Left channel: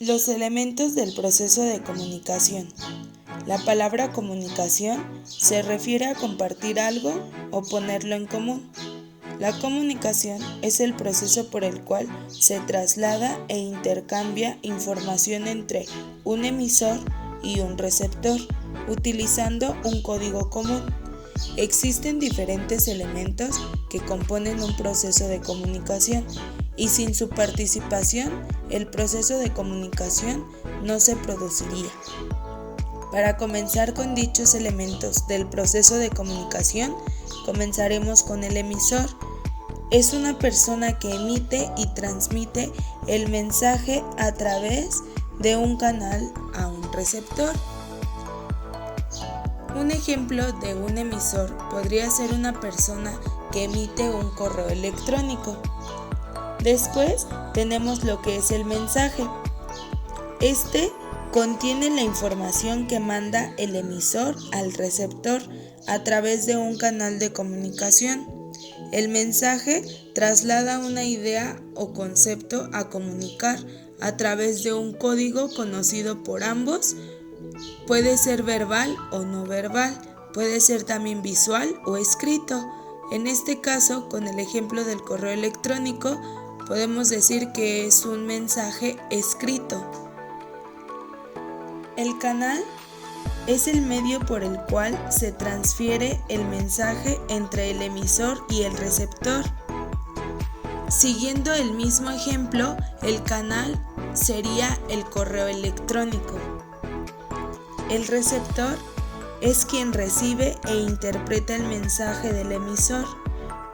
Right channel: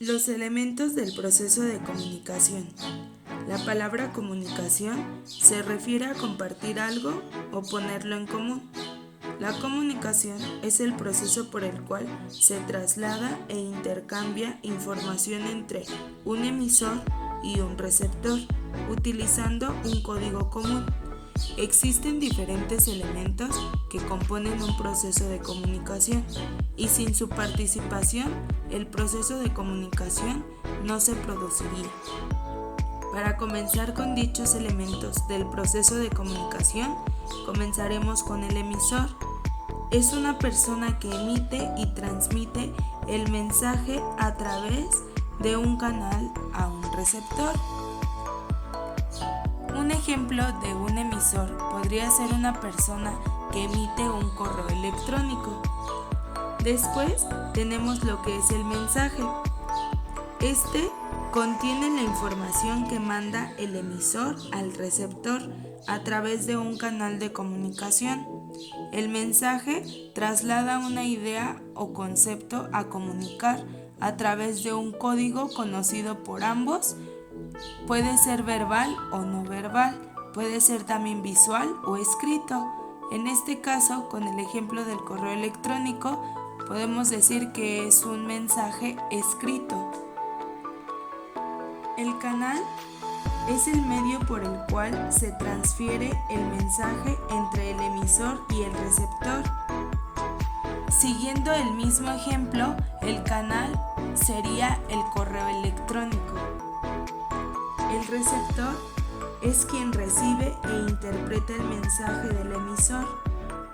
Los elementos del proceso de comunicación. La palabra comunicación se refiere a compartir algo o ponerlo en común. La comunicación es el proceso por el cual se traslada e intercambia información entre un emisor y un receptor, utilizando un código común. Existen diferentes elementos que componen un proceso de comunicación y sin su participación el proceso de comunicación no se produciría. Para comenzar con dichos elementos del proceso de comunicación, comenzaremos con el emisor. Es una persona que emite y transmite el mensaje a través de un canal a un receptor. Un ejemplo de un emisor podría ser una persona que emite un correo electrónico. Después tenemos lo que es el mensaje. Este contiene la información que manda el emisor al receptor a través de un canal de comunicación. El mensaje traslada una idea o concepto a comunicar a través de un código conocido por ambos. Puede ser verbal o no verbal, puede ser también visual o escrito. En este caso, con el ejemplo del correo electrónico, podemos decir que es un mensaje escrito. El canal es el medio por el cual se transfiere el mensaje entre el emisor y el receptor. Siguiendo el mismo ejemplo, el canal sería el correo electrónico. El receptor es quien recibe e interpreta el mensaje del emisor.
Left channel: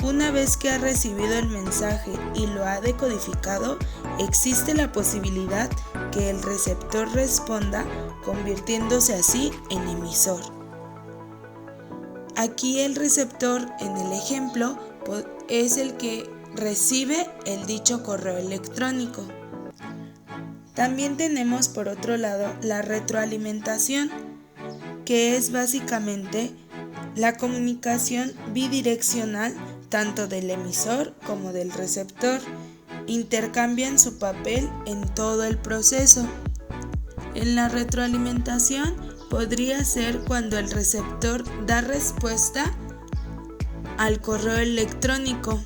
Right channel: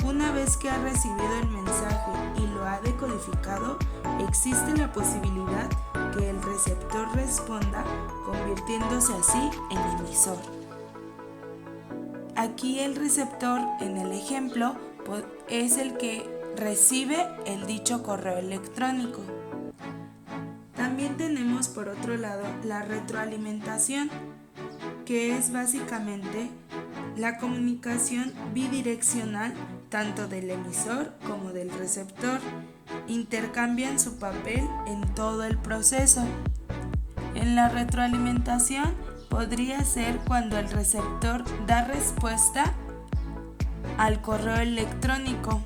Una vez que ha recibido el mensaje y lo ha decodificado, existe la posibilidad que el receptor responda, convirtiéndose así en emisor. Aquí el receptor, en el ejemplo, es el que recibe el dicho correo electrónico. También tenemos por otro lado la retroalimentación, que es básicamente la comunicación bidireccional tanto del emisor como del receptor. Intercambian su papel en todo el proceso. En la retroalimentación podría ser cuando el receptor da respuesta al correo electrónico,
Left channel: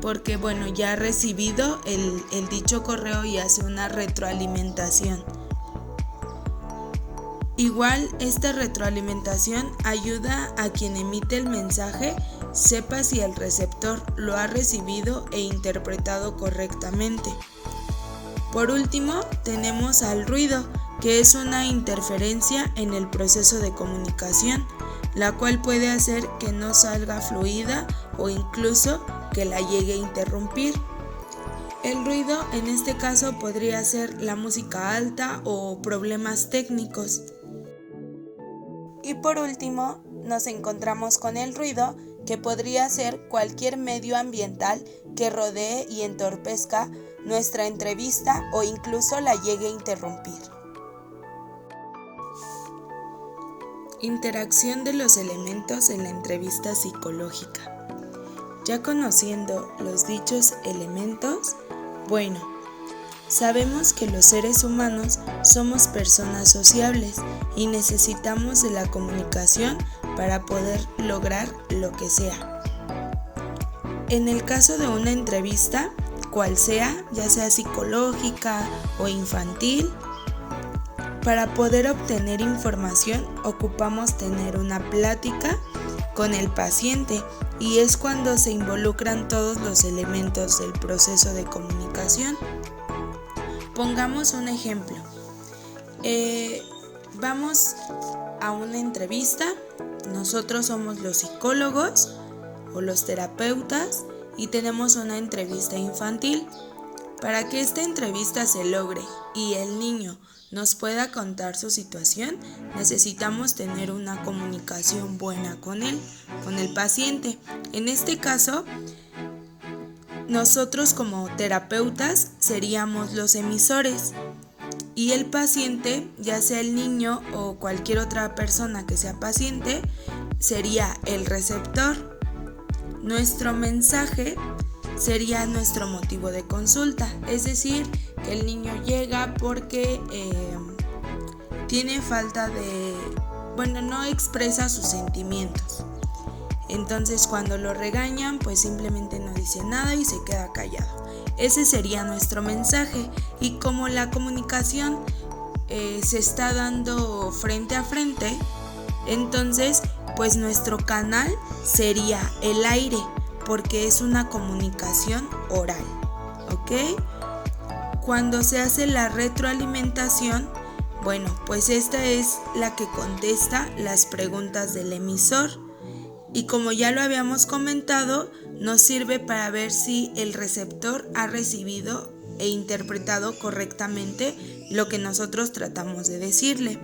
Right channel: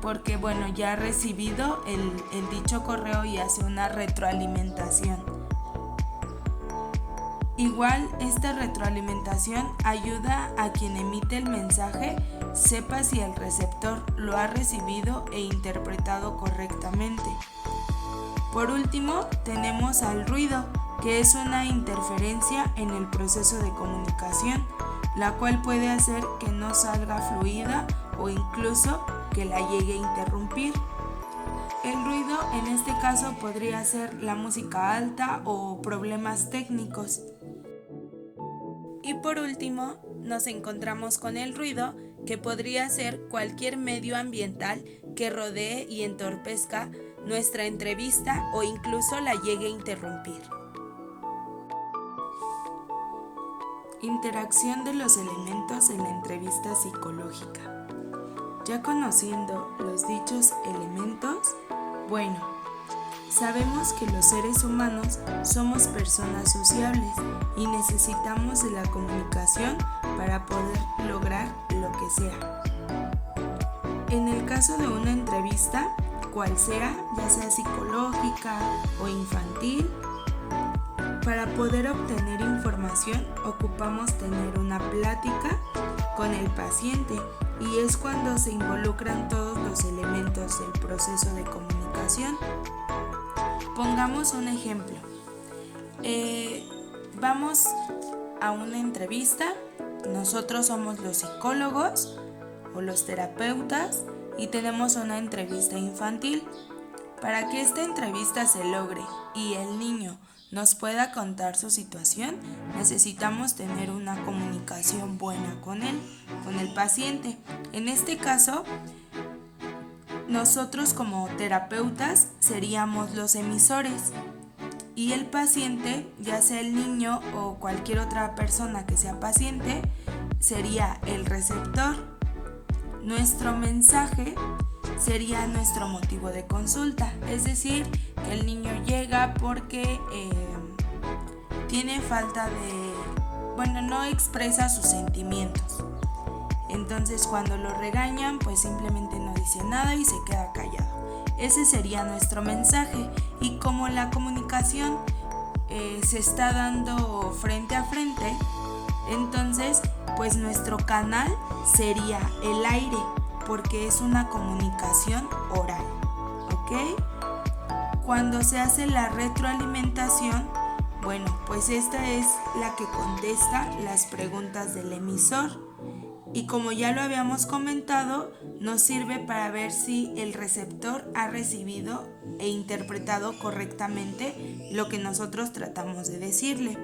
porque ya ha recibido el dicho correo y hace una retroalimentación. Igual, esta retroalimentación ayuda a quien emite el mensaje sepa si el receptor lo ha recibido e interpretado correctamente. Por último, tenemos al ruido, que es una interferencia en el proceso de comunicación, la cual puede hacer que no salga fluida o incluso que la llegue a interrumpir. El ruido en este caso podría ser la música alta o problemas técnicos. Y por último, nos encontramos con el ruido, que podría ser cualquier medio ambiental que rodee y entorpezca nuestra entrevista o incluso la llegue a interrumpir. Interacción de los elementos en la entrevista psicológica. Ya conociendo los dichos elementos, sabemos que los seres humanos somos personas sociables y necesitamos de la comunicación para poder lograr lo que sea. En el caso de una entrevista, cual sea, ya sea psicológica o infantil, para poder obtener información ocupamos tener una plática con el paciente y es cuando se involucran todos los elementos del proceso de comunicación. Pongamos un ejemplo. Vamos a una entrevista, nosotros somos los psicólogos o los terapeutas y tenemos una entrevista infantil. Para que esta entrevista se logre y el niño nos pueda contar su situación, necesitamos tener una comunicación buena con él, con el paciente. En este caso, nosotros como terapeutas seríamos los emisores y el paciente, ya sea el niño o cualquier otra persona que sea paciente, sería el receptor. Nuestro mensaje sería nuestro motivo de consulta, es decir, que el niño llega porque tiene falta de, no expresa sus sentimientos. Entonces cuando lo regañan, pues simplemente no dice nada y se queda callado. Ese sería nuestro mensaje. Y como la comunicación se está dando frente a frente, entonces pues nuestro canal sería el aire, porque es una comunicación oral, ¿ok? Cuando se hace la retroalimentación, pues esta es la que contesta las preguntas del emisor. Y como ya lo habíamos comentado, nos sirve para ver si el receptor ha recibido e interpretado correctamente lo que nosotros tratamos de decirle.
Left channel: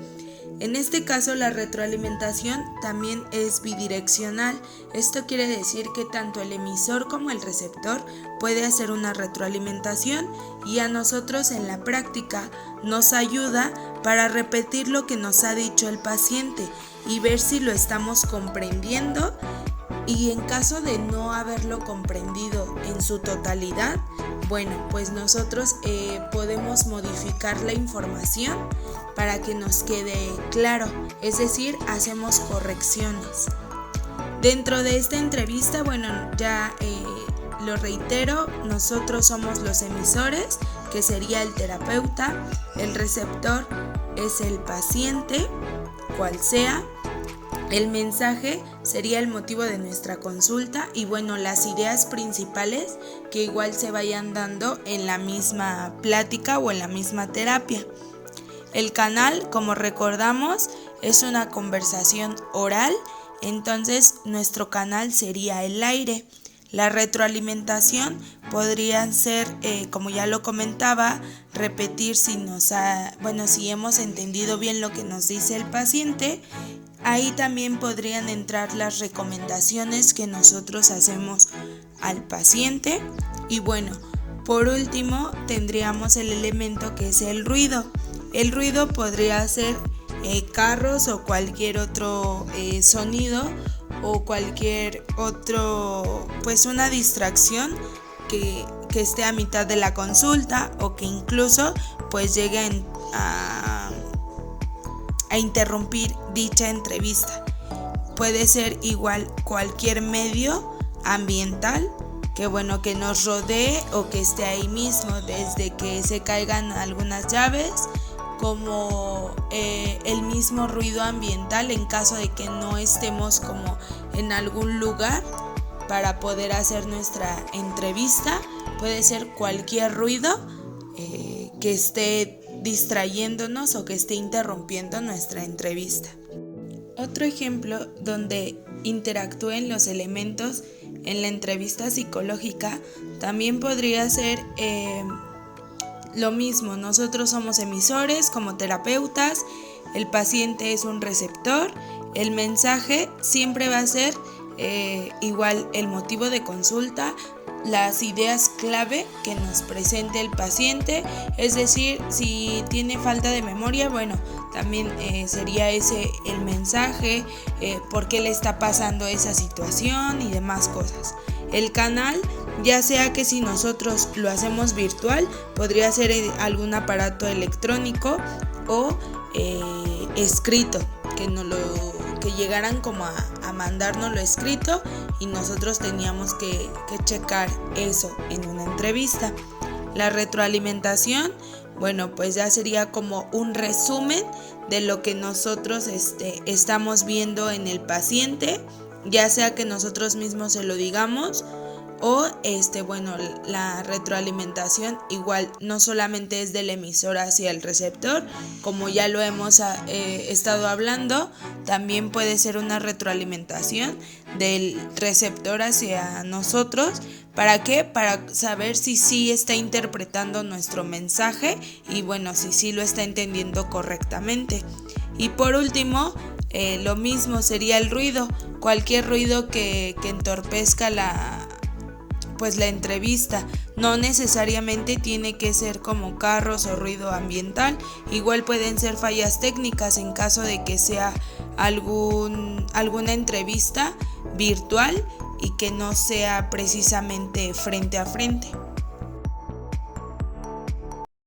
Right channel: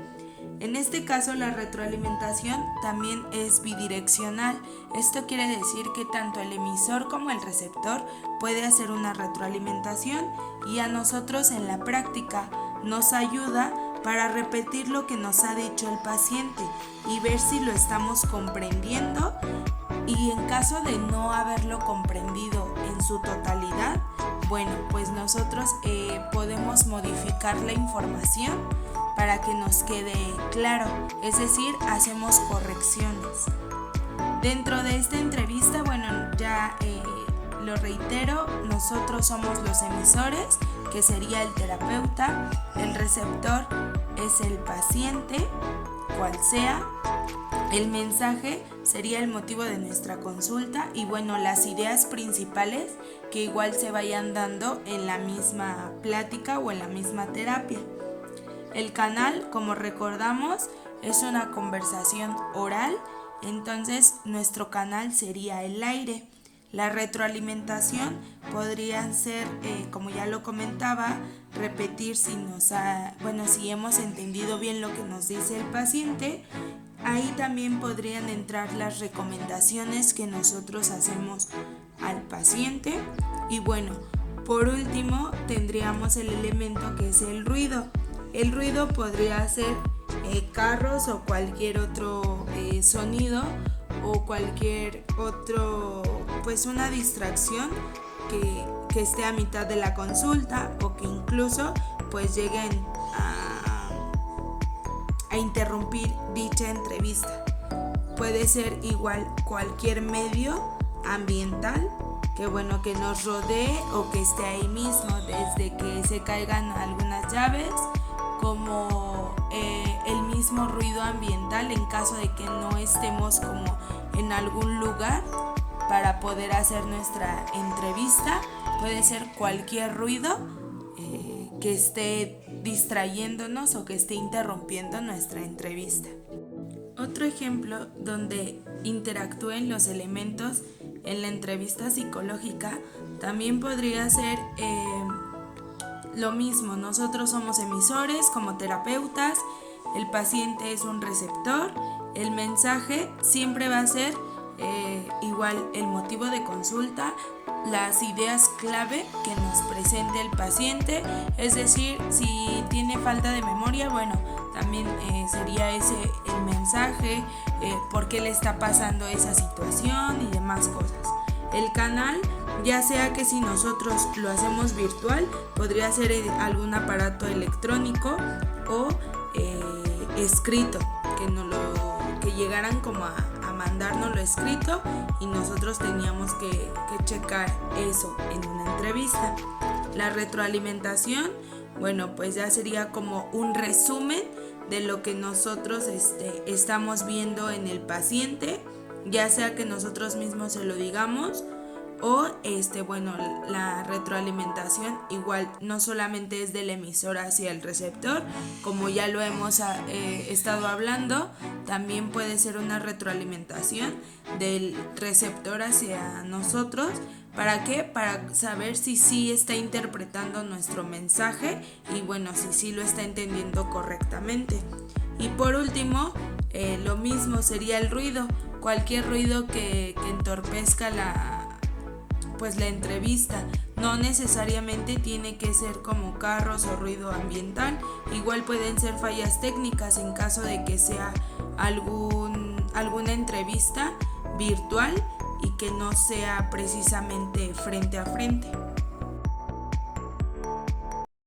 En este caso, la retroalimentación también es bidireccional. Esto quiere decir que tanto el emisor como el receptor puede hacer una retroalimentación, y a nosotros en la práctica nos ayuda para repetir lo que nos ha dicho el paciente y ver si lo estamos comprendiendo, y en caso de no haberlo comprendido en su totalidad, pues nosotros podemos modificar la información para que nos quede claro, es decir, hacemos correcciones. Dentro de esta entrevista, ya lo reitero, nosotros somos los emisores, que sería el terapeuta, el receptor es el paciente, cual sea, el mensaje sería el motivo de nuestra consulta y las ideas principales que igual se vayan dando en la misma plática o en la misma terapia. El canal, como recordamos, es una conversación oral, entonces nuestro canal sería el aire. La retroalimentación podría ser, como ya lo comentaba, repetir si hemos entendido bien lo que nos dice el paciente. Ahí también podrían entrar las recomendaciones que nosotros hacemos al paciente. Y por último tendríamos el elemento que es el ruido. El ruido podría ser carros o cualquier otro sonido o cualquier otro, una distracción que esté a mitad de la consulta o que incluso lleguen a interrumpir dicha entrevista. Puede ser igual cualquier medio ambiental que nos rodee o que esté ahí mismo, desde que se caigan algunas llaves, como el mismo ruido ambiental en caso de que no estemos como en algún lugar para poder hacer nuestra entrevista. Puede ser cualquier ruido que esté distrayéndonos o que esté interrumpiendo nuestra entrevista. Otro ejemplo donde interactúen los elementos en la entrevista psicológica también podría ser lo mismo. Nosotros somos emisores como terapeutas, el paciente es un receptor, el mensaje siempre va a ser igual el motivo de consulta, las ideas clave que nos presente el paciente, es decir, si tiene falta de memoria, también sería ese el mensaje, por qué le está pasando esa situación y demás cosas. El canal, ya sea que si nosotros lo hacemos virtual, podría ser algún aparato electrónico o escrito, que llegaran como a mandárnoslo escrito y nosotros teníamos que checar eso en una entrevista. La retroalimentación, ya sería como un resumen de lo que nosotros estamos viendo en el paciente, ya sea que nosotros mismos se lo digamos o la retroalimentación igual no solamente es del emisor hacia el receptor, como ya lo hemos estado hablando, también puede ser una retroalimentación del receptor hacia nosotros. ¿Para qué? Para saber si sí está interpretando nuestro mensaje y si sí lo está entendiendo correctamente. Y por último, lo mismo sería el ruido, cualquier ruido que entorpezca la entrevista. No necesariamente tiene que ser como carros o ruido ambiental, igual pueden ser fallas técnicas en caso de que sea alguna entrevista virtual y que no sea precisamente frente a frente.